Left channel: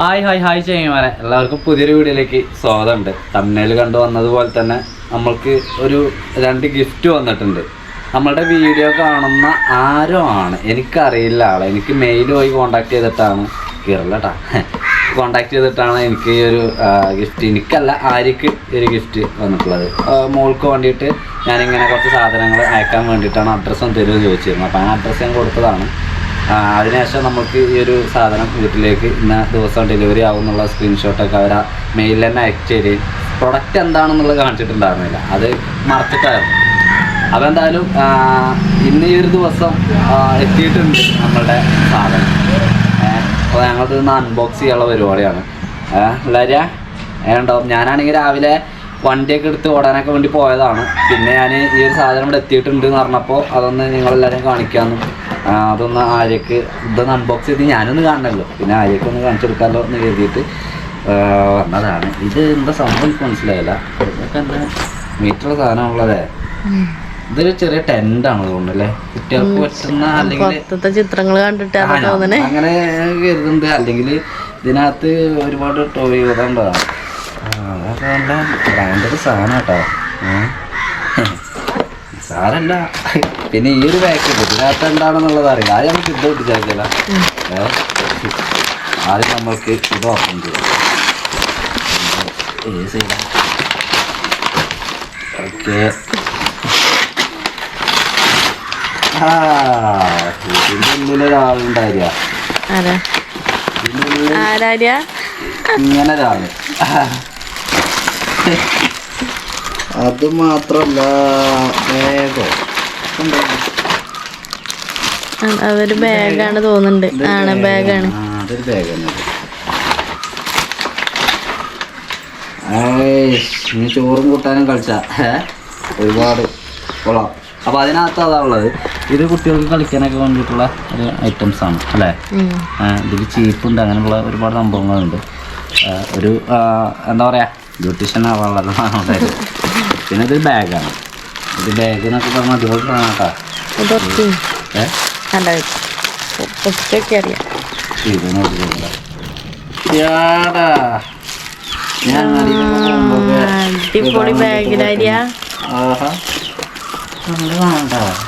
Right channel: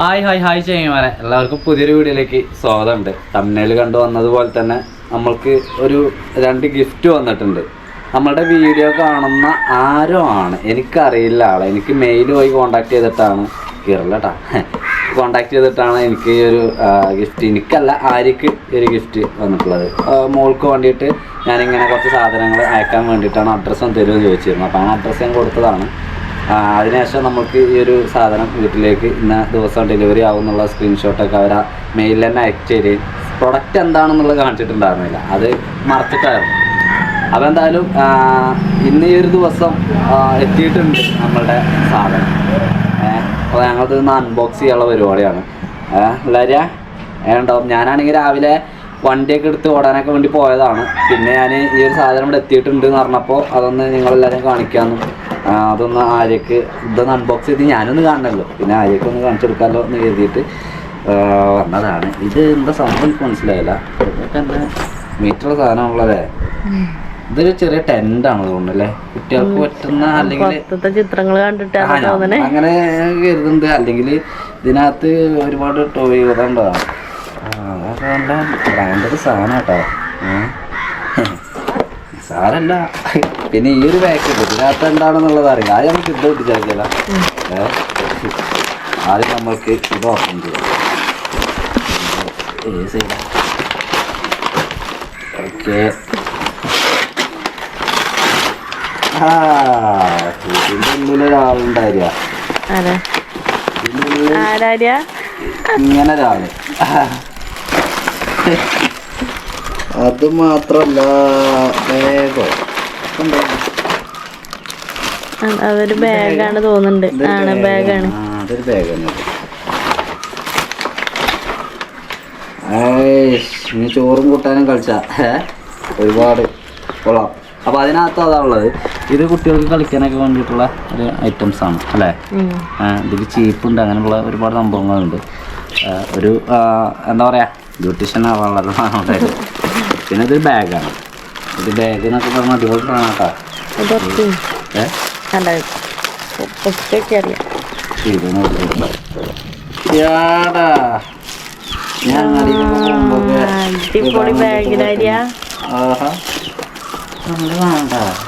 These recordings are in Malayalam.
ഹായ് ഹായ് ഹായ് ചെയ്യുമാരെ എല്ലാവർക്കും പുതിയൊരു വീഡിയോയിലേക്ക് സ്വാഗതമുണ്ട്. തമിഴിൽ കണ്ടു വന്നതുപോലെ തന്നെ നമ്മൾക്ക് ഒരു രണ്ട് ഗിഫ്റ്റ് വന്നിട്ടുണ്ട്. നമ്മളുടെ വീഡിയോ കാണുന്ന ആരോ ആണ്. എനിക്കറിയില്ല ആളെ. എനിക്ക് മെയിൽ പോയി കോണ്ടാക്ട് ചെയ്തിട്ടാണ്. കീറല്ലട്ടാ കോണ്ടാക്ട് ചെയ്തിട്ടാണ് എനിക്ക് ഈ ഒരു ഗിഫ്റ്റ് എനിക്കല്ല ആര്യക്ക് ഒരു ഗിഫ്റ്റ് വന്നിട്ടുള്ളത്. മോൾക്ക് വേണ്ടിയിട്ട് ഞാനിങ്ങനെ കുറച്ച് സാധനങ്ങൾ അയക്കാൻ വേണ്ടിയിട്ടാണ് അഡ്രസ്സും തരുമെന്ന് ചോദിച്ചിരുന്നത്. അപ്പോൾ ആ അഡ്രസ്സ് ഞാൻ കൊടുത്തതാണ്. അതിനുശേഷം നമുക്ക് ഈ ഒരു സാധനം വീട്ടിലേക്ക് ഇന്ന ദിവസം ഡെലിവറി ആവുന്നുള്ള സ്ക്രീൻഷോട്ടൊക്കെ അവർ ആ മെയിലിൽ തന്നെ അയച്ചു തരികയും പ്രൊഡക്റ്റ് എന്താണെന്നുള്ളത് കാണിച്ചിട്ടുണ്ടായിരുന്നില്ല. അത് മറച്ചിട്ടായിരുന്നു. അപ്പോൾ എന്തായാലും ഇന്ന് ഈ ഒരു ദിവസം എത്തിയിട്ടുണ്ട് നമ്മളുടെ സാധനം. അപ്പോൾ ഞങ്ങളത് ഇന്ന് അൺബോക്സ് ചെയ്യാനുള്ള പരിപാടിയാണ്. എല്ലാവരും ഉണ്ടാവും. ഞാനാണെങ്കിൽ രാവിലെ വണ്ടിയൊക്കെ എടുത്ത് ഓടാനൊക്കെ വേണ്ടി പോയതാണ്. പിന്നെ ഞാൻ ഈ ഒരു സാധനം ഇവിടെ എത്തിയിട്ടുണ്ട് എന്ന് പറഞ്ഞപ്പോൾ അതൊന്ന് നിങ്ങളെല്ലാവരും കാണിക്കാമെന്നും അതൊന്ന് ആര്യക്ക് ഇതൊന്ന് അൺബോക്സ് ചെയ്ത് ഞാനൊന്ന് കാണണമല്ലോ പിന്നെ ആര്യക്ക് ഒന്ന് കാണിച്ചെടുക്കാമല്ലോ എന്ന് കരുതിയിട്ട് വന്നതാണ്. ഇത് എന്താ സംഭവം എനിക്ക് മനസ്സിലായില്ല. ഇതൊക്കെ എന്താ മീറ്ററുള്ള സാധനമുള്ളതേ ഇതൊരു ചെറിയ ടെന്റ് ആണ് തോന്നുന്നല്ലേ കുട്ടികൾക്ക് പറ്റുന്ന അല്ലെങ്കിൽ ചിത്രങ്ങൾ കണ്ടിട്ട് അങ്ങനെ കരുതുന്നുണ്ട്. അല്ലെങ്കിൽ ഇതിനകത്ത് ഒരുപാട് ടോയ് ഉണ്ടാകും അതൊക്കെ നല്ല ബ്രാൻഡഡ് സാധനം കേട്ടോ സാരല്ല. പിന്നെ ഈ ഒരു പാക്ക് ഉണ്ട് ഇതിനകത്ത് എന്താണെന്നുള്ളത് അറിയില്ല. ആദ്യം നമുക്ക് ഇത് ഒട്ടിച്ചേക്കില്ല ആദ്യം നമ്മൾക്ക് ഇത് ഓപ്പൺ ചെയ്യാം. ഏത് ഓക്കെ. ഇതിന്റെ ഉള്ളിൽ ഇങ്ങനെ ഒരാൾ. അത് മാത്രല്ല ബാഗോ. അതൊരു ബാഗാണ് തോന്നുന്നുണ്ട്. ആണ് ബാഗാണ്. അതൊരു ബാഗാണ്. നീ ചോറും കൂട്ടാനും കളിച്ച. ഒരുപാട്. കൊള്ളാം. അപ്പോൾ അതിനകത്ത് അതാ ഉള്ളത്. ഇത് കുട്ടികൾക്ക് കളിക്കാനൊക്കെ വേണ്ടിയിട്ടുള്ള ഒരു ഐറ്റംസ് ആണ് അല്ലേ? ഇതിൽ ചീപ്പുണ്ട് അങ്ങനെയുള്ള ഒരുപാട് സംഭവങ്ങളുണ്ട്. ഒരു എന്താ പറയുക ബ്യൂട്ടീഷ്യൻ ആവാനുള്ളത് ഉണ്ടായത് പിന്നെ ഇതൊരു ബാഗാണ്. ഇത് ബാഗ് എന്നൊക്കെ പറഞ്ഞാൽ അടിപൊളി സാധനം കേട്ടോ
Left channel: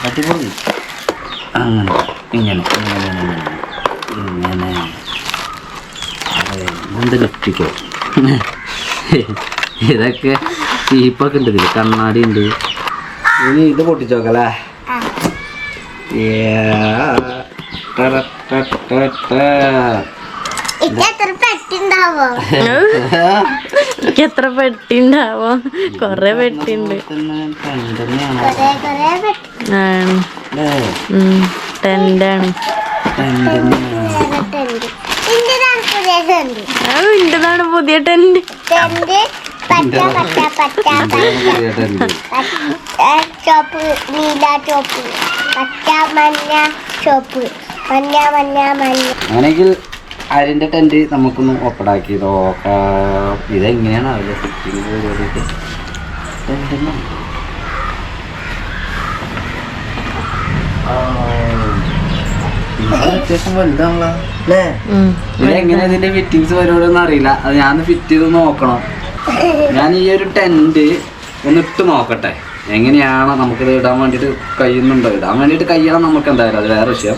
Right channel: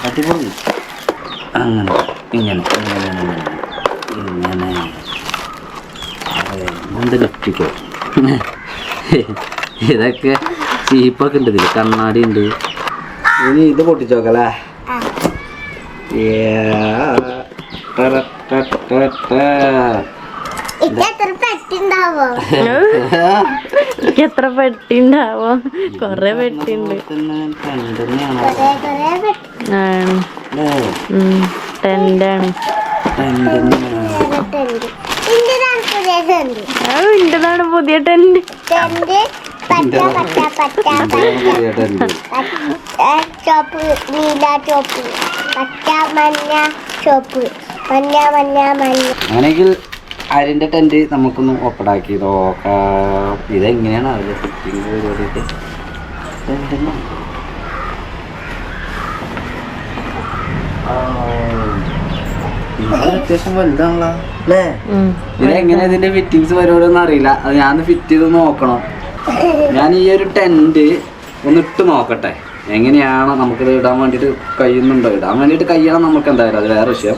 അടിപൊളി. അങ്ങനെ ഇങ്ങനെ ഇങ്ങനെ ഇങ്ങനെ ഇങ്ങനെ ഇതൊക്കെ ചീപ്പൊക്കെ ഉണ്ട് ഇതിൽ കണ്ണാടി ഉണ്ട്. ഇനി ഇത് പൊട്ടിച്ചോക്കല്ലേ? എത്ര പെട്ടി ഉണ്ടാവോ കൊറേ പെട്ടി ഉണ്ട് ടെന്റാണ്. ഇന്റതാണ് പുതിയ ടെന്റ് ചോപ്പ് നീല ചോപ്പ്. പച്ച മഞ്ഞ ചോപ്പ്. മഞ്ഞ മഞ്ഞ മഞ്ഞ. അങ്ങനെയെങ്കിൽ അരിന്റെ ടെന്റ് നമുക്കൊന്ന് ഓപ്പണാക്കി നോക്കാം. ഇതെങ്ങനെയാണ് അവരുടെ ഫിറ്റിംഗ് പരിപാടിയിട്ട് അത്യാവശ്യം വലുതാണല്ലോ. അല്ലേ? ഇതെങ്ങനെ ഇതിന്റെ ഫിറ്റിങ്സ് പരിപാടി ഒന്നും അറിയില്ല. അത് ഞാൻ ഫിറ്റ് ചെയ്ത് നോക്കണം. ഞാൻ ഈ ഒരു ടെന്റ് ഒന്ന് ഇട്ട് നോക്കട്ടെ. എങ്ങനെയാണ് നമുക്കിത് ഇടാൻ വേണ്ടിയിട്ട് കഴിയുന്നുണ്ടോ? ഇടാൻ വേണ്ടിയിട്ട് കഴിയണം നമുക്ക് എന്തായാലും അത് വേറെ വിഷയം.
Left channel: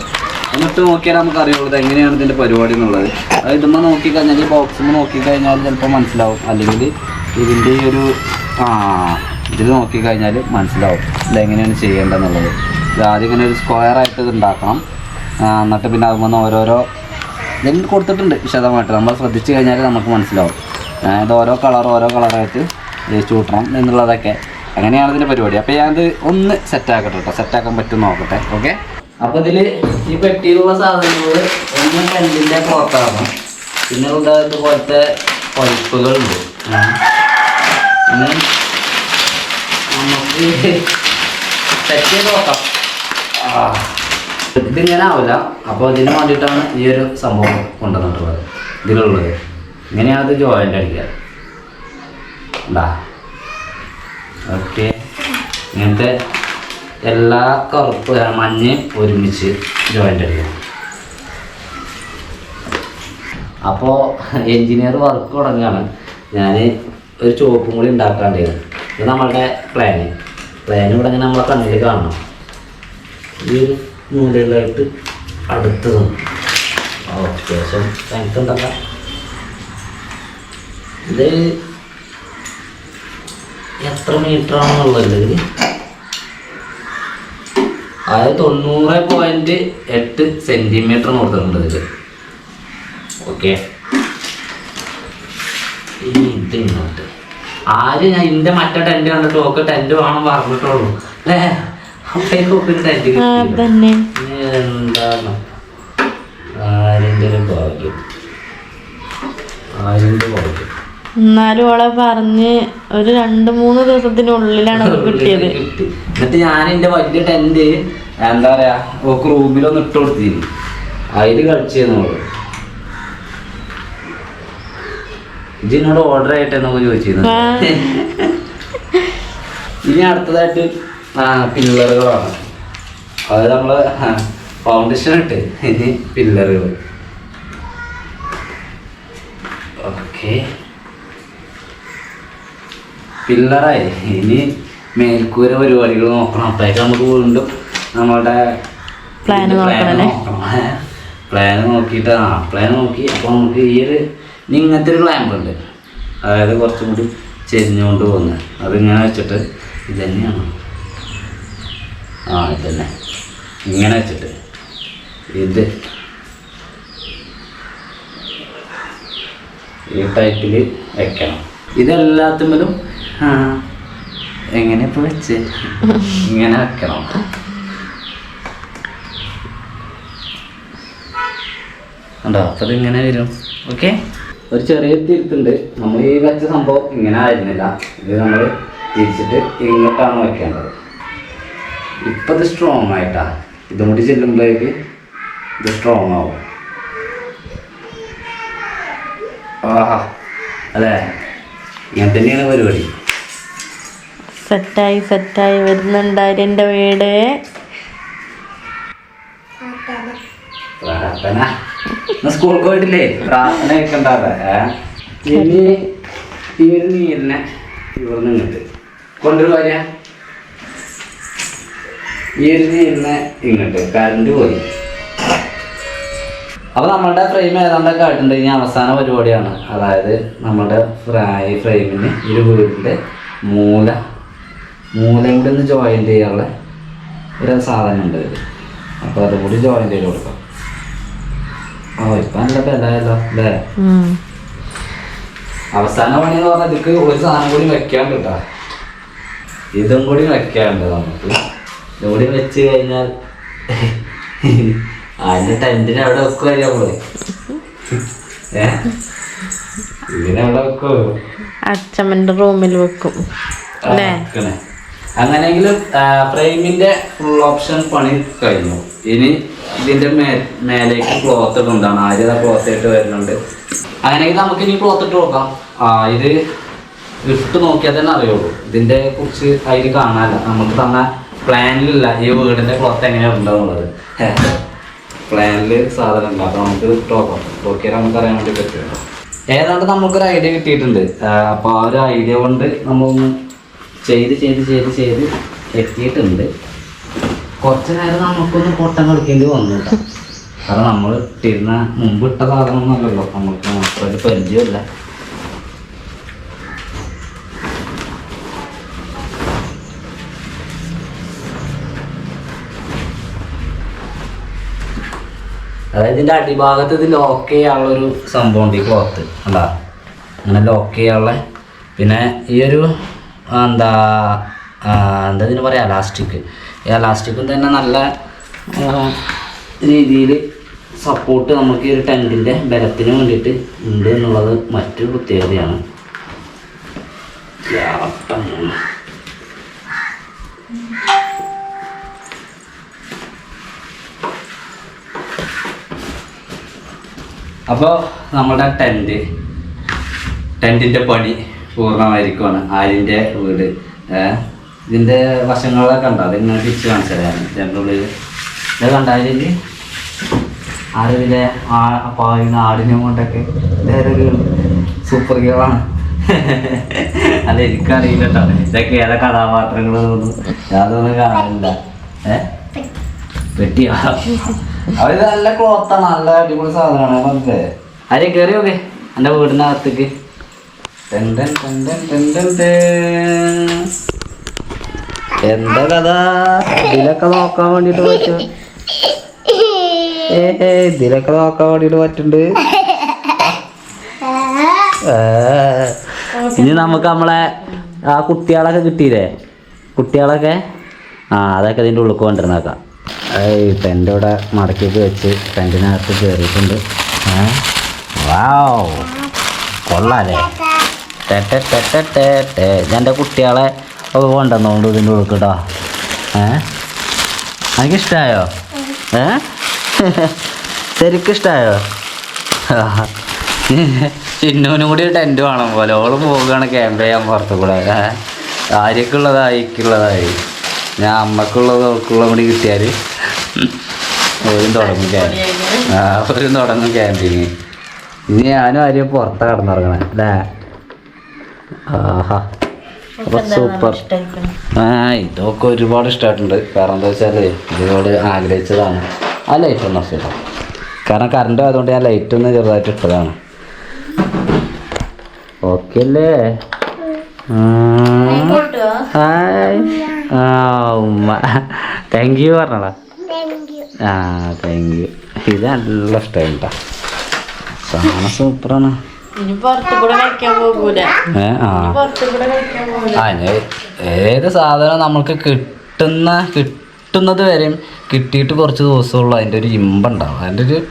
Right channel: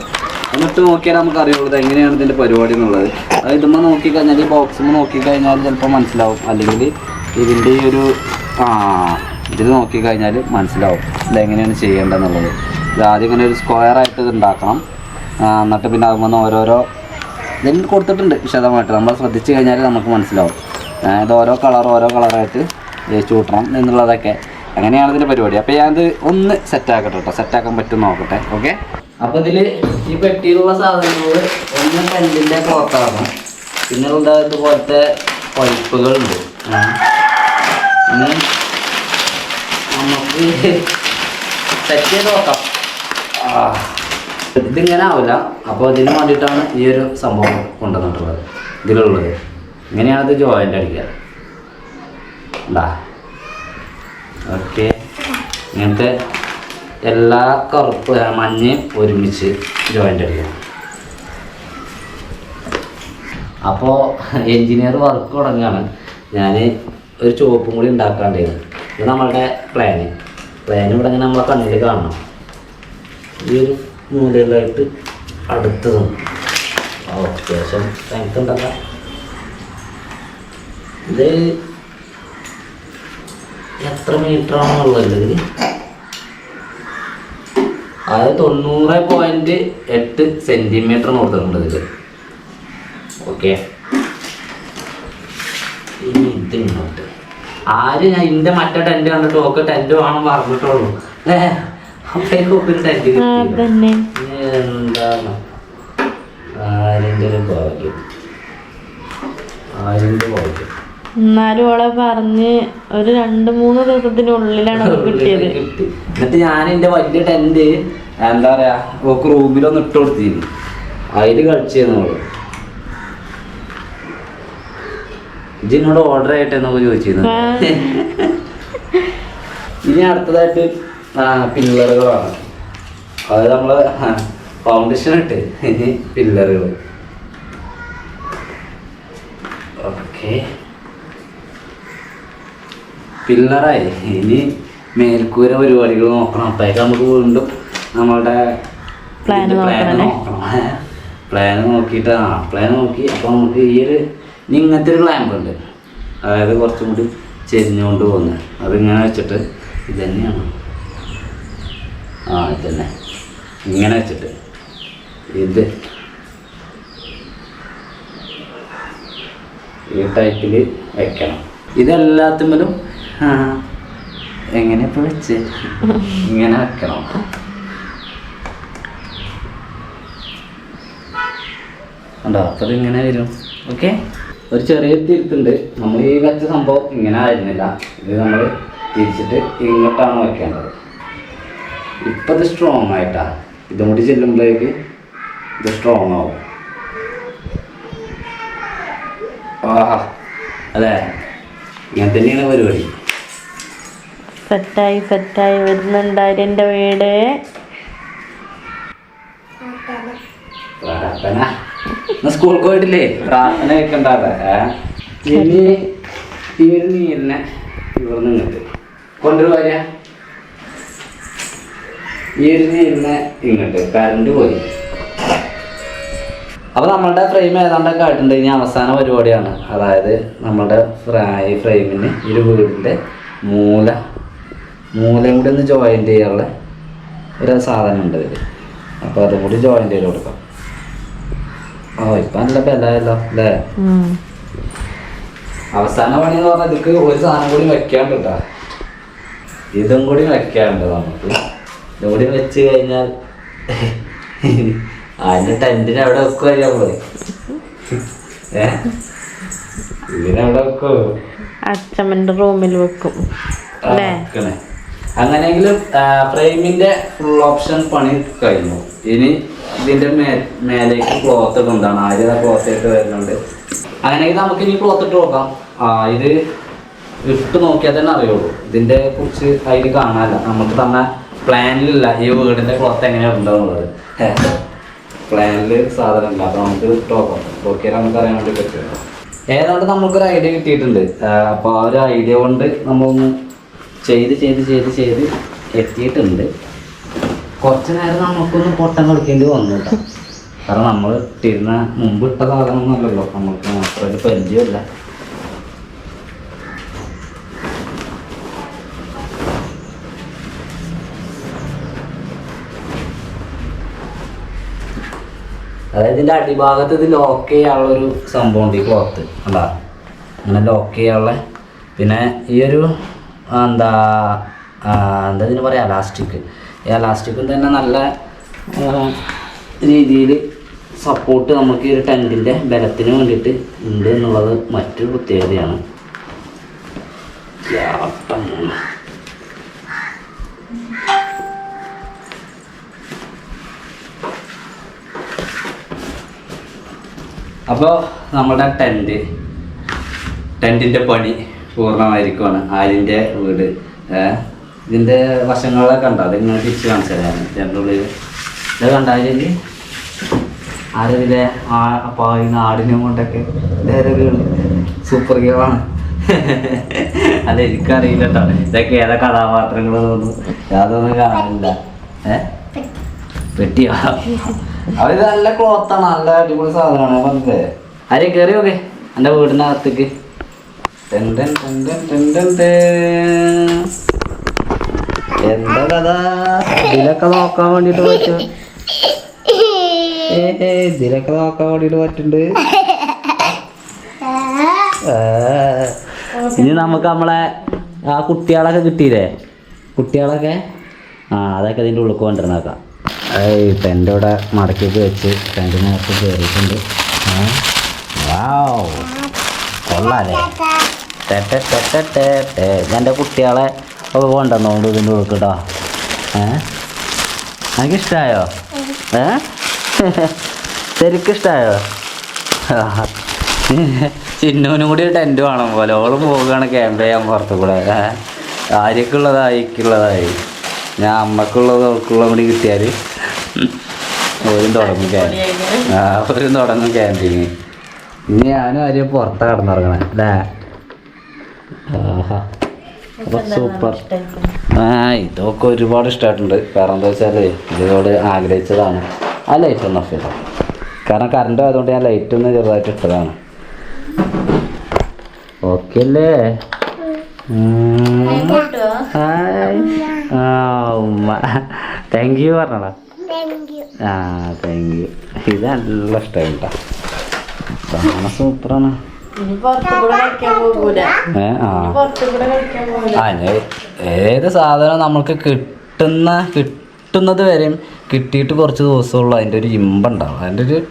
എന്നിട്ട് നോക്കിയാൽ നമുക്ക് അറിയുള്ളൂ എങ്ങനെയാണ് ഇതിന്റെ പരിപാടി എന്നുള്ളത്. അത് ഇടുമ്പോൾ നോക്കിക്കഴിഞ്ഞാൽ ഈ ബോക്സുമ്പോൾ നോക്കിക്കഴിഞ്ഞാൽ ചിലപ്പോൾ മനസ്സിലാവും. അല്ലെങ്കിൽ ഇതിന്റെ ഈ ഒരു ആ ഇതിൽ നോക്കിക്കഴിഞ്ഞാൽ മനസ്സിലാവും ഇത് എങ്ങനെയാണ് ചെയ്യേണ്ടതെന്നുള്ളത്. ഇത് ആദ്യം ഇങ്ങനെ ഒരു സ്ക്വയർ ആയിട്ട് ഇത് ഉണ്ടാക്കണം. എന്നിട്ട് പിന്നെ അതുമ്പോൾ ഓരോരോ ഇതിൽ കൊടുത്തിട്ടുണ്ട് വിശദമായിട്ട്. നമ്മൾ ശ്രദ്ധിച്ചു കഴിഞ്ഞാൽ നമുക്ക് മനസ്സിലാവും. ഇത് ഓരോ കളർ ഓരോ കളറായിട്ട് ജയിച്ചു കൂട്ടണം എന്നുള്ളതൊക്കെ. അങ്ങനെയാണ് ഇതിന്റെ പരിപാടി. അപ്പോൾ ഞാനത് ഒന്ന് സെറ്റാക്കട്ടെ കേട്ടോ സെറ്റാക്കാൻ പറ്റും നോക്കട്ടെ. ഓക്കെ അപ്പോൾ ഇതിൽ ഈ പെട്ടിയിലുള്ള സാധനങ്ങൾ ഒന്ന് ടെന്റിന്റെ പുറത്താണ് പിന്നെ ഇവിടെ ഇതുപോലത്തെ പൈപ്പുകളുണ്ട്. ഇനി നമുക്ക് സെറ്റ് ചെയ്ത് നോക്കാം. ഇതിങ്ങനെ ആവില്ല. അപ്പോൾ ഇതിന് വേണ്ടിയിട്ടാണ് ഈ ഒരു സംഭവം കൊണ്ടുവന്നിട്ടുള്ളത്. ഇതിലുള്ളത്. ഇങ്ങനെയാണ് അത് ജോയിന്റ് അടിക്കുക ഉണ്ടാ ഓക്കെ. ഇങ്ങനത്തെ എല്ലാ കറുപ്പ് മഞ്ഞ് ഒരുമിച്ച് ജോയിന്റ് അടിക്കുക അപ്പോൾ എൻജിനീയർ വർക്ക് തുടങ്ങുകയാണ് ഞാൻ ഒരു ചുവപ്പും കൂടി ഉണ്ടാക്കാണ്ടായിരുന്നു ഇത് നമ്മളുടെ പ്ലാന് പ്ലാൻ ഇവിടെ ഇങ്ങനെ നമ്മളെ കണ്ണിൽ കാണണം. ഈ ഒരു മൂലയിലായിട്ട് അടുത്തതും. ഓക്കെ ശരി ഉണ്ടാക്കാം ഇത് എത്ര മീറ്റർ ആണെന്നുള്ളത് ഇതിൽ അതായത് തൊണ്ണൂറ് പോയിന്റ് എട്ട് സെന്റിമീറ്റർ കൊടുത്തിട്ടുണ്ട് ഇതിൽ ഓക്കെ ഇനി ഇത് ഇങ്ങോട്ട്. ആര് ഞാൻ എന്റെ മറ്റേ ടെന്റ് കണ്ടിട്ട് ഓക്കെ ടെന്റ് വേണം പറഞ്ഞിട്ടുള്ളൂ. അല്ലേ? അപ്പോഴേക്കും ഒരു ടെന്റ് എന്താണ്? ആരിന്റെ ഒരു ഭാഗ്യം? ആരിന്റെ ഭാഗ്യം? എന്നാലും ഓളെ പറഞ്ഞ് ഒരു രണ്ട് മൂന്ന് ദിവസത്തിനുള്ളിലാണ് കിട്ടിയത്. എന്നിട്ട് ഞാൻ എന്റെ വലിയ ടെന്റ് എന്താ പറയാ ഓക്ക് റൂമിലൊന്ന് ഇട്ട് കൊടുത്തിരുന്നു. അതിൽ കളിച്ചിരുന്നു അവൾ. ഇജ്ജ് ഓർഡർ ആയിട്ട് എന്നൊക്കെ ചോദിച്ചിരുന്നു. ഇനി അടുത്തതായിട്ട് പില്ലറുകളാണ്. അത് നമ്മൾ ഫൗണ്ടേഷൻ ഇട്ട് പില്ലറുകൾ ഓക്കെ. പില്ലറായി. ഇനി മേൽക്കൂര പരിപാടികൾ നോക്കണം. അപ്പോഴേക്ക് നമുക്ക് വീണ്ടും നമ്മളുടെ പ്ലാൻ നോക്കണം. പ്ലാൻ നോക്കിയിട്ട്. ആ പ്ലാൻ നോക്കി. അപ്പോൾ നമുക്ക് ഈ ഒരു ഇങ്ങനത്തെ ഒരു ക്ലാമ്പ് ഉണ്ട്. അതായത് കുറച്ചും കൂടി ചെരിഞ്ഞുകൊണ്ട് പോകുന്നത്. അതിങ്ങനെ വെച്ചിട്ട് ഇത് തന്നെയാണ്. ആ ഇത് തന്നെ. ഇങ്ങനെ വെച്ചിട്ട് ഇത് ഈ ടൈപ്പിൽ വെക്കണം. ഇതെല്ലാത്തുമ്മലും ആ, എങ്ങനെ ഇപ്പൊ വെച്ച് ഇങ്ങനെ വെക്കണം. ഉണ്ടോ അപ്പത് ഇങ്ങനെ വരും. ഓക്കെ? ഒരു ചെറിയ തിരുത്തുണ്ട്. നമ്മൾ ഈ വെച്ച സംഭവം ഇങ്ങനെ ആയിരുന്നില്ല. ഇത് നമ്മൾ തിരിച്ചിട്ട് ഇങ്ങോട്ടാണ് വെക്കേണ്ടത്. ഇപ്പം ഇത് സ്ട്രോങ് ആയിട്ടാ. ഇതും കൂടി ചെല്ലുമ്പോഴേക്ക് ഇത് സ്ട്രോങ് ആവും. ആഹാ. അതെ. ഇങ്ങനെ തന്നെയാണ് പരിപാടി. സെറ്റായി സെറ്റായി. വരുന്നുണ്ടായിരുന്നു എന്റെ വീട്. പ്രാർത്ഥന. സ്കൂൾ പോയിട്ടില്ലേ? പ്രാർത്ഥന കേൾക്കണ്ടാതെ ഇനി ഈ ഒരു നീരിനെ ഇവിടുന്ന് ഇങ്ങോട്ട് ഒരു ഇങ്ങോട്ട് കറണ്ട് പോയി. അപ്പോൾ നമ്മളുടെ ഫ്രെയിം ഏതാണ്ടൊക്കെ ആയിട്ടുണ്ട്. ഇനി അവസാന പരിപാടിയാണ്. അതായത് നമ്മളുടെ ഫ്രൈ ഫ്രെയിമിന് ഒരു വീടിന്റെ മൂല മൂലയും കൂടി ഒന്ന് ജോയിന്റ് ചെയ്യാനുള്ള ഒരു സാധനം ഉണ്ട് ഇതിൽ അപ്പോൾ അതും കൂടി ജോയിന്റ് ചെയ്ത് കൊടുക്കാം. ഓ ഇപ്പം നല്ല ബലമല്ലോ അല്ലേ? അവസാന പണി എന്ന് പറഞ്ഞാൽ ഇതിക്ക് ഒരു സാധനം കൂടി വെക്കാണ്ട് കേട്ടോ. ഇതും കൂടി വെക്കാണ്ട് നമുക്ക്. ഇതും കൂടി വെച്ച് കഴിഞ്ഞാൽ അതിന്റെ ടെന്റിന് അവിടെ വെക്കുക നമ്മൾ. ഇതിനെവിടെ വെക്കോ അച്ഛമ്മന്റെ റൂമിൽ വെക്കും. അല്ലേ? വെക്കണേ. അങ്ങനെയെങ്കിലും ഫ്രെയിമിന്റെ ഫുൾ ഓപ്ഷൻ പണി കഴിഞ്ഞു. ഇനി ഇതിന്റെ മേ മേലേക്ക് ക്ലോത്ത് ഇടുന്നതാണ്. ആര്യ ക്ലോത്ത് ഇട്ട് വരുന്നുണ്ട്. അങ്ങനെയെങ്കിൽ നമുക്ക് ഇനി ക്ലോത്ത് ഇട്ട് നോക്കാം. ആ ഇത് ഇട്ട് നോക്കിയാൽ തന്നെ അറിയുള്ളൂ. ഇതിന്റെ കുറിച്ച് അതിൽ കാണാനല്ല. നമുക്ക് തന്ന പ്ലാനിലില്ല ഈ വീടിന്റെ ക്ലോത്ത് എങ്ങനെയാണ് ഉണ്ടാവുന്നത് പ്ലാനിൽ സാധനം ഉണ്ട്. അപ്പൊ നമുക്ക് നോക്കാം. നോക്കിയാൽ നമുക്ക് അറിയാൻ വേണ്ടി പറ്റുള്ളൂ. ഏതാണ്ട് നമുക്കൊരു ഐഡിയ കിട്ടിയിട്ടുണ്ട്. അപ്പോൾ ആ ഒരു ഐഡിയ കൊണ്ട് നമ്മളൊന്ന് ചെയ്ത് ചെയ്ത് ചെയ്ത് ചെയ്ത് എത്തിയിട്ടുണ്ട്. കുറച്ച് നേരം നമുക്കൊന്ന് പൊട്ടം കളിക്കേണ്ടി വന്നു കേട്ടോ കാരണം നമ്മൾ ഇട്ടിരുന്ന മുമ്പ് ഇട്ട സാധനമൊന്നുമല്ലല്ലോ. നമുക്ക് മാത്രമായിട്ട് പരിചയമില്ല അതായത് ഇതിന്റെ അടിഭാഗത്ത് ഇത് ലോക്ക് ചെയ്യാനുള്ള ഒരു സംഭവം ഉണ്ട് ഈ ക്ലോത്ത് അല്ല അങ്ങനെ ലോക്ക് ചെയ്യാനുള്ള. പിന്നെ ഈ ഒരു എന്താ എന്താ ഇതിന് പറയുക എലാസ്റ്റിക് എലാസ്റ്റിക്കും തന്നെ നല്ല രീതിയിൽ സപ്പോർട്ട് നമുക്ക് ഈ ഒരു ടെന്റിന്റെ ബലത്തിന് വേണ്ടിയിട്ട് ഉണ്ട് എന്നുള്ളത് മറ്റൊരു പ്രത്യേകതയാണ്. അപ്പോൾ നമ്മുടെ ടെന്റ് ടെന്റിന്റെ പണി. പൂർണമായിരിക്കുവാണ്. ആര്യന്റെ വീട്. ഇതിന്റെ വശങ്ങളൊക്കെ ഉണ്ടോ അത് തിരിച്ച് കാണിച്ചു തരാം ഉള്ളിൽ ഇത് കണ്ടാലില്ലേ ആരതിലെ ആ പായി ആടിനെ കൊണ്ടൊക്കെ സൂപ്പർ ആണ്. അല്ല എനിക്കറിയില്ല കേട്ടോ ഇതൊക്കെ ഏതാ കഥാപാത്രങ്ങൾ തോന്നുന്നു. യാതൊന്നും കാണില്ല ഏ? പെട്ടിയാ? അവർ നല്ല ക്ലോത്താണ് നല്ല അടിപൊളി സാധനമാണ്. പറഞ്ഞത് ആരെ കയറി നോക്കേ. എന്റെ വീടിന്റെ എന്താ കഥ ഇതിലൊക്കെ നോക്കാൻ വേണ്ടിട്ട് പറ്റും. ഇതിലൊക്കെ നോക്കാൻ വേണ്ടിട്ട് പറ്റുന്നുണ്ട്. ഇനി നമുക്ക് നമ്മളെ ആ കുട്ടികളൊക്കെ കിട്ടിയില്ലേ? കുട്ടികളൊക്കെ? ആ അതൊക്കെ ഇതിന്റെ ഉള്ളിൽ കൊണ്ടിരുന്നേക്കാം ഏയ് ടെന്റ് ഇവിടെ മടക്കിയൊക്കെ വെച്ച് ടെന്റിനകത്ത് കയറിയിട്ടുണ്ട് വാവ് കൊള്ളാല്ലേ എന്റെ കുട്ടികളെ ഒക്കെ കൊണ്ടുവന്നോണ്ട് ഇതിന്റെ ഉള്ളിൽ കേട്ടോ ഏ? എനിക്ക് ഇഷ്ടമായോ ഏ? ശരിക്കിഷ്ടമായോ ചിന്നുവിനും കൂടി ടെന്റ് വേണം പോലെ. ഓളും പോവുകയാണ് ക്യാമ്പ് ചെയ്യാൻ പുറത്തു കൂടെ? ആര്യക്കുള്ളതായി ഇക്കുള്ളതായി. ഞാൻ അമ്മക്കുള്ളത് ഓൾക്കുള്ളതും കൂടി കിട്ടിയാൽ ഓരും തുടങ്ങും ക്യാമ്പ് ആ ഓരും തുടങ്ങും ക്യാമ്പിങ് ഇനി ഞാനും ആര്യം പുറത്താണ് കിടന്നിറങ്ങണേ അല്ലേ? സൂപ്പർ. ആ ഇതൊക്കെ ഒരുപാട് ഇഷ്ടമായിട്ടുണ്ട് കാരണം എന്താ വെച്ചാൽ ഇതിനോട് ആഗ്രഹിച്ചതാണ്. ആ ലൈറ്റ് ഒന്ന് ഓഫ് കാരണം കറണ്ട് ആയതുകൊണ്ട് ഞാൻ ലൈറ്റ് ഒന്ന് ചെറുതായിട്ട് ഇട്ടതാണ്. ഓക്കെ അല്ലേ? ആ. ഉമ്മ. താങ്ക് യു പറഞ്ഞടാ. ആ താങ്ക് യു ഇത് നല്ല ഇഷ്ടമായിട്ടാ സൂപ്പറാണ്. ഏത് സാധനം നമ്മൾക്ക് കിട്ടുന്ന കിട്ടുന്നത് വരെയും കിട്ടിയിട്ട് കുറച്ച് ദിവസമുള്ളൂ. അതിന്റെ ഒരു ഇമ്പം ഉണ്ടാവും അതിന്റെ ഒരു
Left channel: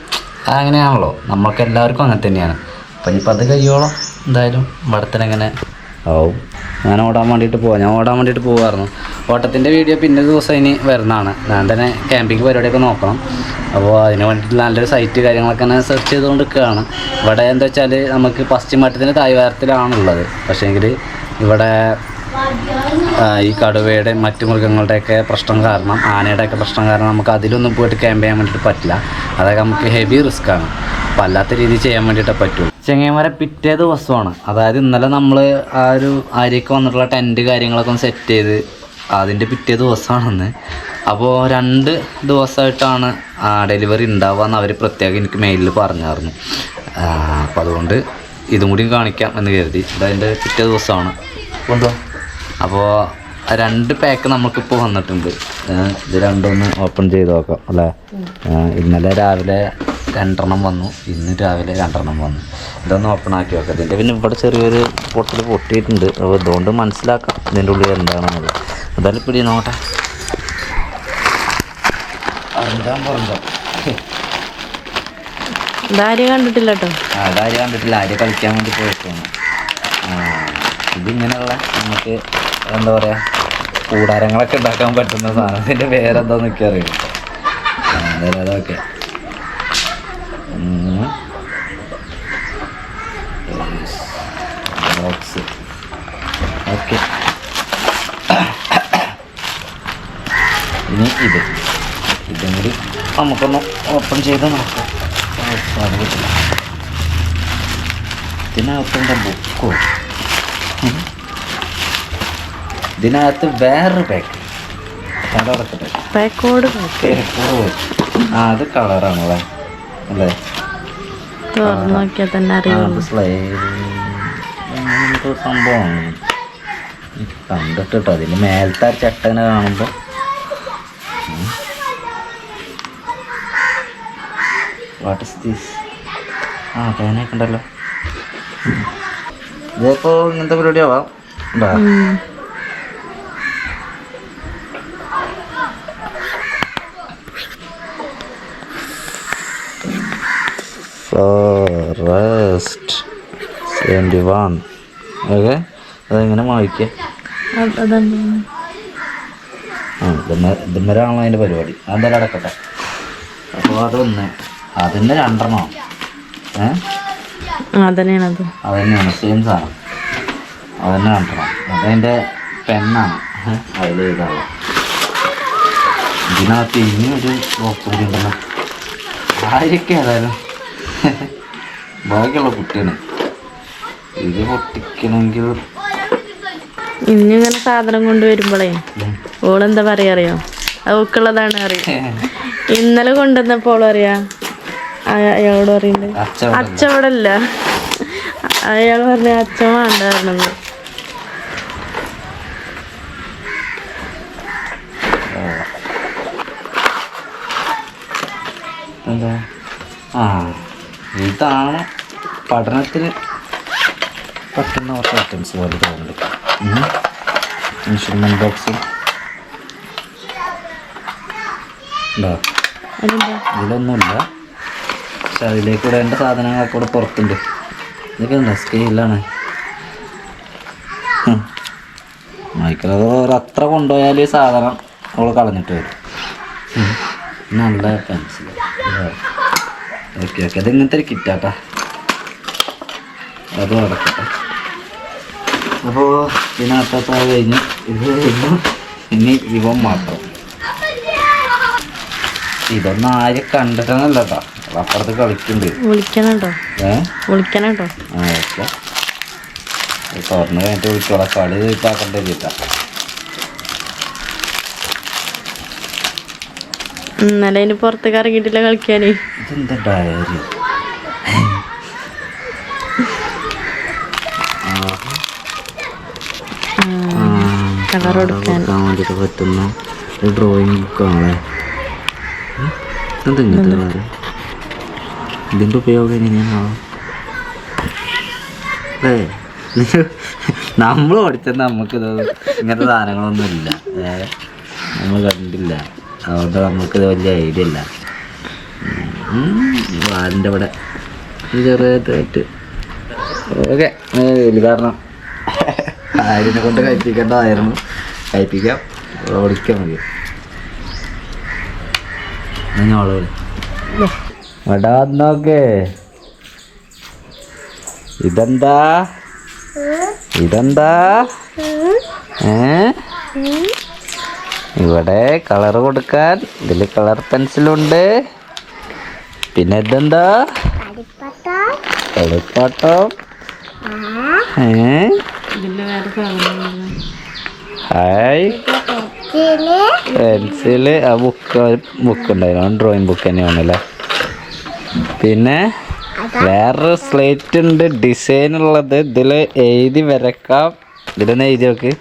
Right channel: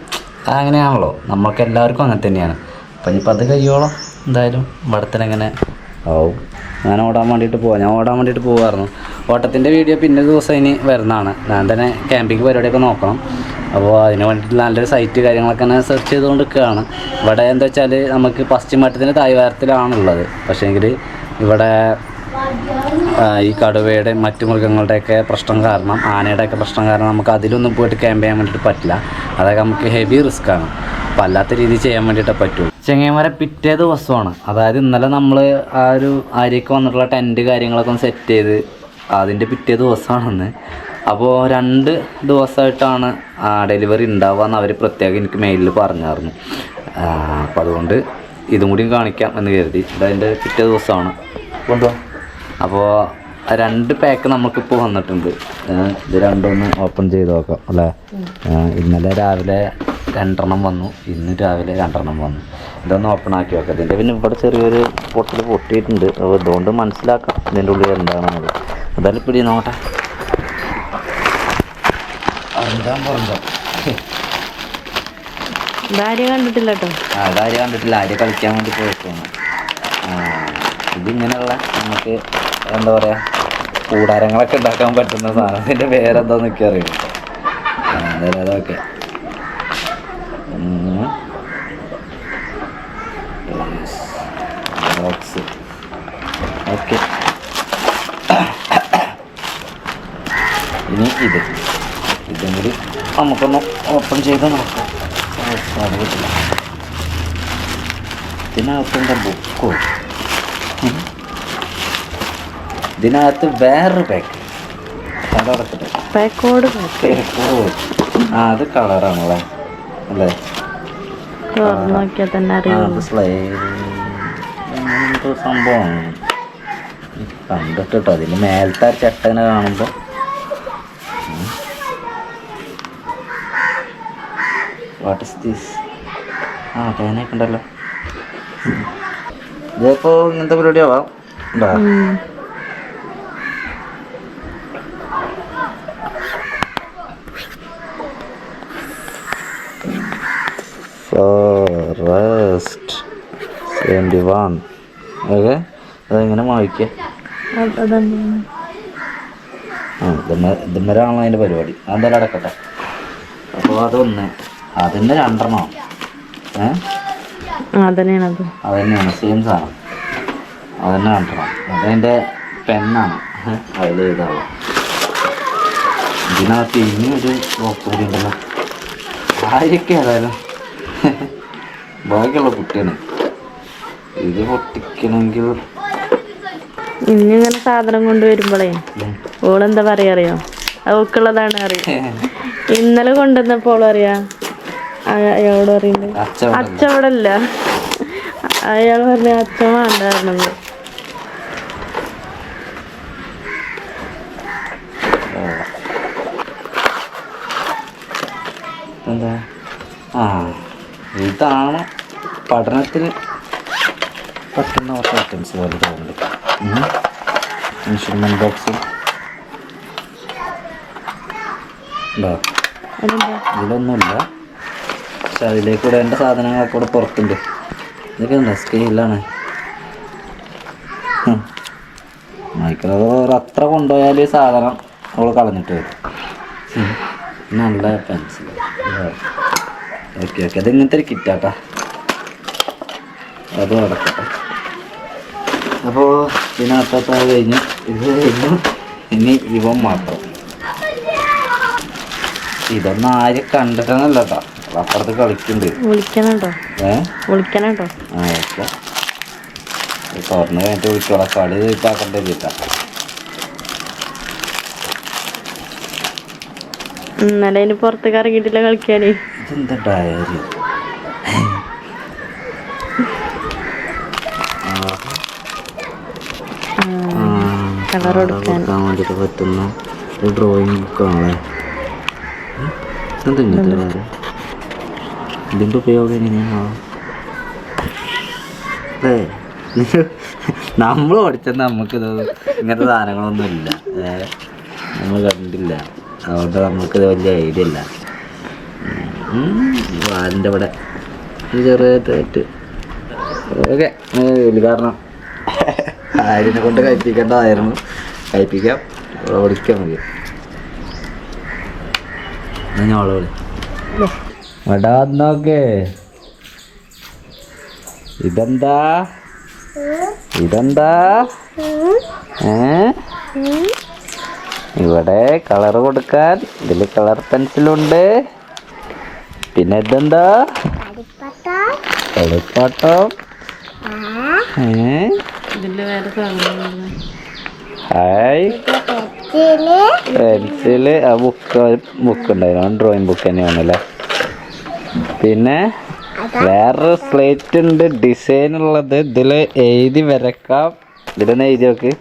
അങ്ങനെയാണല്ലോ. നമ്മൾക്ക് എല്ലാവർക്കും അങ്ങനെ തന്നെയാണ്. അപ്പം ഇനിയിപ്പോൾ അത് കഴിയോളം. എന്തായാലും ഇവിടത്തിനെങ്ങനെ ആവും. ഞാൻ ഓടാൻ വേണ്ടിയിട്ട് പോവാം. ഞാൻ ഓടാൻ വേണ്ടിയിട്ട് പോവായിരുന്നു. ഓട്ടത്തിന്റെ വീഡിയോ പിന്നെ ദിവസം ഇനി വരുന്നതാണ്. ഞാൻ തന്നെ ക്യാമ്പിംഗ് പരിപാടിയൊക്കെ നോക്കണം. അപ്പോൾ അതിന് വേണ്ടിയിട്ട് നല്ലൊരു സൈറ്റ് കാര്യങ്ങളൊക്കെ ഞാൻ സെർച്ച് ചെയ്തുകൊണ്ട് നിൽക്കുകയാണ് ഇവിടെ എന്താ വെച്ചാൽ നമുക്ക് പശ്ചിമഘട്ടത്തിന്റെ തായ്വാരത്തിലാണുള്ളത് പക്ഷേങ്കിൽ ഇവിടെ ഈ കടുവയുടെ മറ്റു മൃഗങ്ങളുടെയൊക്കെ പ്രശ്നം കാരണം ആനയുടെയൊക്കെ പ്രശ്നം കാരണം നമുക്ക് അതിലൊന്നും പോയിട്ട് ക്യാമ്പ് ചെയ്യാൻ വേണ്ടിയിട്ട് പറ്റില്ല. അതൊക്കെ നമുക്ക് ഹെവി റിസ്ക് ആണ്. അല്ലാത്ത രീതിയിൽ ചെയ്യാൻ വേണ്ടിയിട്ടേ പറ്റുള്ളൂ ചെങ്ങൈമാരെ പിറ്റേ ദിവസമാണ്. അതായത് ഇന്നലെ നമ്മൾ ആ ഒരു ആര്യക്ക് വന്നിട്ടുള്ള ടെന്റ് കാര്യങ്ങളൊക്കെ ഒന്ന് സെറ്റ് ചെയ്ത് അതിന്റെ പിറ്റേ ദിവസമാണെന്ന്. അപ്പോൾ രണ്ട് ദിവസമായിട്ടാണ് ഡെലിവറി ഉണ്ടാവുക എന്ന് അവർ പ്രത്യേകം എനിക്ക് മെയിലിൽ പറഞ്ഞായിരുന്നു. അപ്പോൾ അതുകൊണ്ട് ഇതും കൂടി കാണിക്കാം എന്ന് കരുതി. ഇതതിന്റെ പിറ്റേ ദിവസമാണ്. കൊണ്ടുപോകാം അപ്പോൾ രണ്ട് പാക്ക് നമുക്കിപ്പോൾ വന്നിട്ടുണ്ട്. ഇത് രണ്ടൊന്ന് ഓപ്പൺ ചെയ്ത് നോക്കാം അല്ലേ? ഇന്നലെ രാവിലെ രണ്ടെണ്ണം വന്നു. ഇന്ന് രാവിലെ രണ്ടെണ്ണം വന്നു. ഇതൊന്ന് ഓപ്പൺ ആക്കി നോക്കാം. ഇതിന്റെ പിന്നെ ഇവിടെ ചെറിയൊരു പൊട്ടിൽ പൊട്ടിയിട്ടുണ്ട്. അപ്പോൾ ഇതുകൊണ്ട് മനസ്സിലാക്കാം ഇതിന്റെ ഉള്ളിൽ എന്താണെന്നത് എന്തായാലും പിടി നോക്കട്ടെ. അറിഞ്ഞാൻ പറഞ്ഞോ ഇതാരും കണ്ടിട്ടില്ല കേട്ടോ ആ ഡാരി കണ്ടിട്ടില്ല. ആര്യ കളിക്കാൻ വേണ്ടി പോയിട്ടാണ് ഇതിങ്ങനെയുള്ള നമുക്ക് എന്താ പറയുക കൂടാരങ്ങളൊക്കെ ഉണ്ടാക്കാൻ പറ്റുന്ന സാധനത്തിന്റെ പേരെന്താന്നൊക്കെ അറിയാം അതൊക്കെ. ബോക്സ് ഓക്കെ ഇനി ഇത് ഇതും കൂടി നമുക്കൊന്ന് ഓപ്പൺ ചെയ്ത് നോക്കാം ഓ, സാധിക്കത്തില്ല ഇതിനകത്തുണ്ട് ബുക്കോ. ഇതിനകത്ത് വേറൊരു പാക്ക് കളർ പാക്കോട് പേരക്കൂടെ പോയി ആ അത് കളറാണല്ലേ അല്ലേ? തുറന്നു നോക്കിയാൽ തന്നെ അറിയാം. എന്തോ സംഭവമാണ് കണ്ടിട്ട് കേട്ടോ അതിന്റെ മേലത്തെ ചട്ടനെ കാണുമ്പോൾ വാട്ട് ഇസ് ദിസ് ആ പേനയൊക്കെ ഉണ്ടല്ലോ. ഇതിപ്പോൾ ഇങ്ങനത്തെ പരിപാടിയാവാം. ഉണ്ടോ ഫോറസ്റ്റ് സെവന്റി വൺ ഓക്കെ അതെങ്ങനെ വായിക്കുക ആ ഇതുമ്മരാണല്ലോ അതിന്റെ പരിപാടി. അതെന്തായാലും അടക്കട്ടെ. അപ്പോൾ അതൊന്ന് അതിന്റെ രണ്ടെണ്ണം? ഏ? അതന്നെയാണത്. അത് തന്നെയാണ് സെയിം സാധനം. അതന്നെ തന്നെ രണ്ടെണ്ണം. അതതിന്റെ പെണ്ണാണ്. അതിൽ ഇതാവും ഇതിനകത്ത് ഇനിയൊരു ബോക്സ് കൂടി ഉണ്ടല്ലോ. ആയിരിക്കും ഏതായാലും? ബാക്കിയുള്ള കുട്ടിയാണ്. ഇത് പൊട്ടിക്കണമെങ്കിൽ ഇനി ഇങ്ങനെ സാധനം കൊണ്ടുവരുമ്പോളേ ഓളെന്താ പറയാ അറിയോ? അവക്കുള്ളതാണ് അറിയാം? ഇന്നലെ കൊണ്ടുവന്നപ്പോൾ അറിയാ അയ- അയാളോട് പറയുന്നത് അച്ചവടല്ല അയാൾ പറഞ്ഞ അച്ഛൻ വേണ്ട പറഞ്ഞത് എന്താ ആ ഇതാണ് പഠനത്തിന് പറ്റുന്ന കുറച്ച് ഐറ്റംസ് പോലെ തോന്നുന്നുണ്ട്. ഇൻസ്ട്രുമെന്റ് ബോക്സും ഉണ്ടോ ഇതിലൊന്നുമില്ല പക്ഷെ അതിലേക്ക് കൂടെ എന്റെ സാധനങ്ങളൊക്കെ കൂടെ പുറത്തുണ്ട്. ഇതൊക്കെ എന്താ? സ്കെയിലാണ് മൈക്രോവേവ് അത്ര കൊണ്ടുപോയാൽ ഈ സാധനം അവൾ കളഞ്ഞിട്ട് വരും. നല്ല പെൻസിൽ ഓക്കെ ഓക്കെ. അത് ഇങ്ങനത്തെ ഒരു കിറ്റാട്ടാ? അത് നടക്കട്ടെ അപ്പോൾ ഇതിനകത്താത്ത കഴിഞ്ഞു ഇത് കഴിഞ്ഞു ഇനി ഇവൻ മാത്രം. ഇതൊന്നും ആരും കണ്ടിട്ടൊന്നുമല്ല കേട്ടോ അപ്പുറത്ത് കളിക്കുന്നുണ്ട്. ഏഹ് ഏ? ആ ഓക്കെ. തുറന്നു കഴിഞ്ഞിട്ട് വിളിച്ചോളാം. കളി ഇതാക്കണ്ടേ ചേട്ടാ. ഇന്നലെ അതിന് പുറത്തേക്ക് ഇറങ്ങിയിട്ടില്ല കളിക്കാനേ. ഇതെന്താ ഡയറി കളർ കൊടുക്കാൻ. കൊടുക്കാൻ വേണ്ടിയിട്ട് പറ്റുന്ന ഒരു ഡ്രോയിങ് ബുക്കാണല്ലേ എന്താ ഇങ്ങനത്തെ വേറെ ഇതിന്റെ ഉപയോഗം എങ്ങനെയാണോ? അല്ലേ? നമ്മൾ പഠിച്ചത് നമുക്കിത് ഇങ്ങനത്തെ സാധനങ്ങളൊന്നും ഇല്ല ഏഹ് നമ്മൾ കണ്ടില്ല. അതുകൊണ്ട് നമുക്കിത് വലിയ ഐഡിയ ഇല്ല വാലിന്റെ ഇവിടെ ചെറുതായിട്ട്. ഓക്കെ കാരണം ആര്യനെ കൊണ്ട് കഴിപ്പിക്കേണ്ടതായിരുന്നു. കഴിപ്പിക്കാം. ഓടിക്കാൻ മതി ഞാൻ അവളെ വിളി എടാ നോക്കേ. ഇതെന്താ? ഇതെന്താ? ഏ? ഇവിടെ കളർ കൊടുക്കാൻ ഇതിൽ കളർ പെൻസിലുണ്ട്. പിന്നെ ഇതെന്താ? കളിപ്പാട്ടം ഹായ്. പെൻസിൽ. ആ ബുക്ക് ബുക്ക് ഉണ്ടായിരുന്നു. ഡ്രോയിങ് ബുക്ക് തന്നെയാണല്ലേ? പിന്നെ വേറൊരു സ്ലേറ്റ് ഉണ്ട്. ഡിസൈൻ ഉള്ളത്. ഇതിൽ എഴുതി വരക്കാം. ഇതിലൊന്ന് എഴുതി നോക്ക്.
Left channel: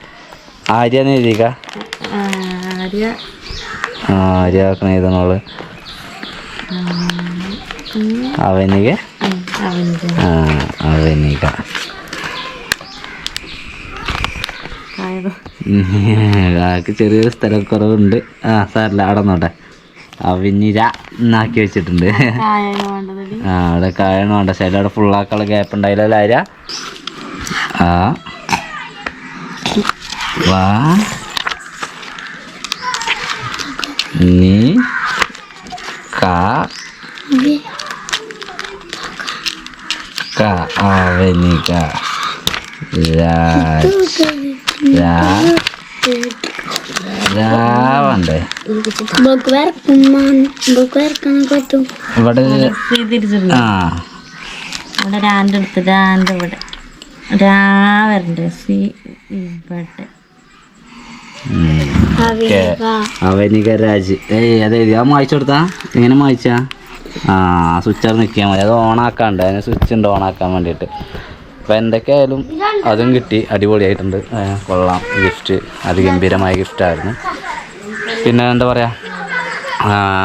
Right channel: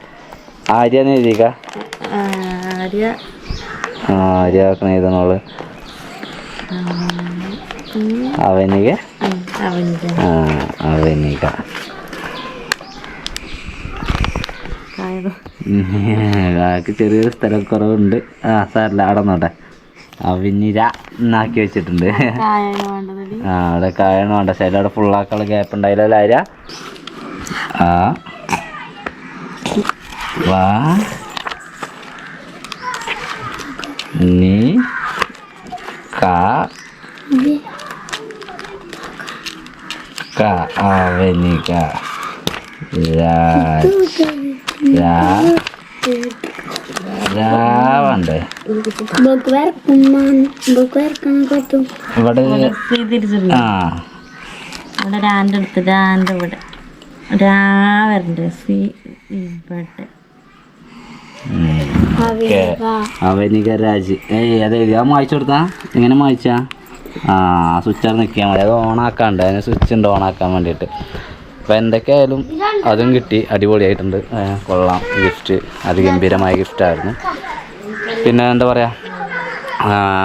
ആര്യാന്ന് എഴുതിക്ക ആ ആര്യാക്കണ എഴുതണോൾ അവനിക? ആൾക്ക് ചെറിയൊരു സ്ഥലക്കുറവുണ്ട്. ആ സാറില്ല അവിടെ നോട്ടെ. അവനിര എന്നാക്കി വെച്ചിട്ടുണ്ട്. ആ അവിടെ കായണം വേണ്ട. ശരി അവിടെ ഫുള്ളാക്കാനുള്ള ഗ്യാപ്പ് ഉണ്ടായില്ല ആ. വാ. നീ കാ കാ അവനിക രാവണ്ടേ ഇവിടെ ആ. അവിടെ രാന്റെ അടുത്ത് രാന്റെ ഇവിടെ. രാ വരണ്ടേ സി ഇവിടെ. അവനിക രാജ്. ഏയ് അതെ ഞാൻ മായിച്ചു കൊടുത്താ? എങ്ങനെ മായിച്ചാ? ആ സ്വിച്ച് അവിടെ നിൽക്കാൻ മതി. അത് ഓണാക്കാണ്ട് അതിന് സ്വിച്ച് ഉണ്ട് ഓണാക്കാൻ വേണ്ടിയിട്ട്. അപ്പോൾ എന്തൊക്കെയായാലും അതും കിട്ടി. അടിപൊളിയായിട്ടുണ്ട്. കൊള്ളാം. ഗിഫ്റ്റ് അതിഗംഭീരമായ ഗിഫ്റ്റായിരുന്നു പിന്നെ എന്താ പറയുക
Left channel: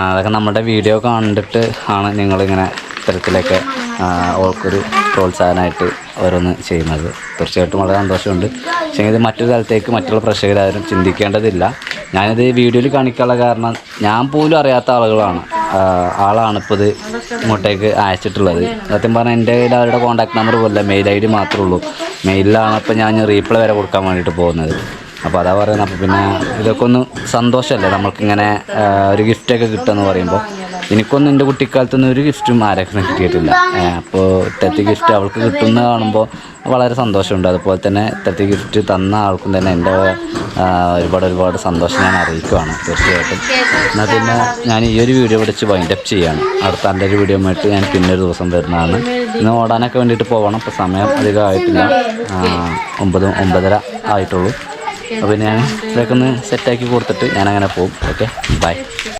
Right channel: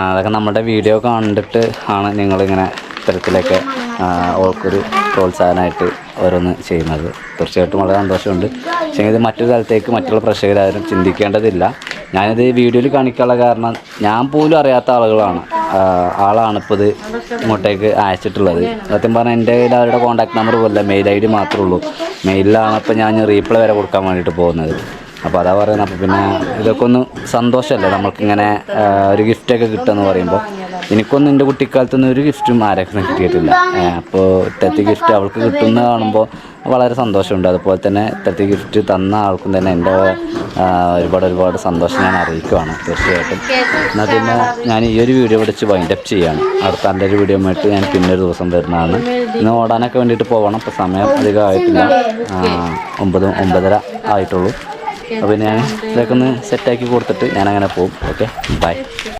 അതൊക്കെ നമ്മുടെ വീഡിയോ കണ്ടിട്ട് ആണ് നിങ്ങളിങ്ങനെ ഇത്തരത്തിലൊക്കെ ആ, ഓൾക്കൊരു പ്രോത്സാഹനമായിട്ട് ഓരോന്ന് ചെയ്യുന്നത്. തീർച്ചയായിട്ടും വളരെ സന്തോഷമുണ്ട്. പക്ഷേ ഇത് മറ്റൊരു സ്ഥലത്തേക്ക് മറ്റുള്ള പ്രേക്ഷകരാരും ചിന്തിക്കേണ്ടതില്ല. ഞാനിത് വീഡിയോയിൽ കാണിക്കാനുള്ള കാരണം ഞാൻ പോലും അറിയാത്ത ആളുകളാണ്. ആളാണ് ഇപ്പോൾ ഇത് ഇങ്ങോട്ടേക്ക് അയച്ചിട്ടുള്ളത്. സത്യം പറഞ്ഞാൽ എന്റെ കയ്യിൽ അവരുടെ കോൺടാക്ട് നമ്പർ പോലില്ല മെയിൽ ഐ ഡി മാത്രമേ ഉള്ളൂ. മെയിലിലാണ് ഇപ്പോൾ ഞാൻ റീപ്ലൈ വരെ കൊടുക്കാൻ വേണ്ടിയിട്ട് പോകുന്നത്. അപ്പോൾ അതാ പറയുന്നത്. അപ്പോൾ പിന്നെ ഇതൊക്കെ ഒന്ന് സന്തോഷമല്ലേ? നമുക്കിങ്ങനെ ഒരു ഗിഫ്റ്റൊക്കെ കിട്ടുമെന്ന് പറയുമ്പോൾ എനിക്കൊന്നും എന്റെ കുട്ടിക്കാലത്തൊന്നും ഒരു ഗിഫ്റ്റും ആരൊക്കെ കിട്ടിയിട്ടില്ല. അപ്പോൾ ഇത്തരത്തിൽ ഗിഫ്റ്റ് അവൾക്ക് കിട്ടുന്ന കാണുമ്പോൾ വളരെ സന്തോഷമുണ്ട്. അതുപോലെ തന്നെ ഇത്തരത്തിൽ ഗിഫ്റ്റ് തന്ന ആൾക്കും തന്നെ എന്റെ ഒരുപാട് ഒരുപാട് സന്തോഷം ഞാൻ അറിയിക്കുവാണ് തീർച്ചയായിട്ടും. എന്നാൽ പിന്നെ ഞാൻ ഈ ഒരു വീഡിയോ പഠിച്ച് വൈൻഡ് അപ്പ് ചെയ്യാണ്. അടുത്ത എന്റെ ഒരു വീഡിയോ ആയിട്ട് ഞാൻ പിന്നെ ഒരു ദിവസം വരുന്നതാണ്. ഇന്ന് ഓടാനൊക്കെ വേണ്ടിയിട്ട് പോകണം ഇപ്പോൾ സമയം അധികം ആയിട്ടില്ല. ഒമ്പത് ഒമ്പതര ആയിട്ടുള്ളൂ. അപ്പോൾ ഞാൻ ഇതൊക്കെ ഒന്ന് സെറ്റാക്കി കൊടുത്തിട്ട് ഞാൻ അങ്ങനെ പോകും ഓക്കെ ബൈ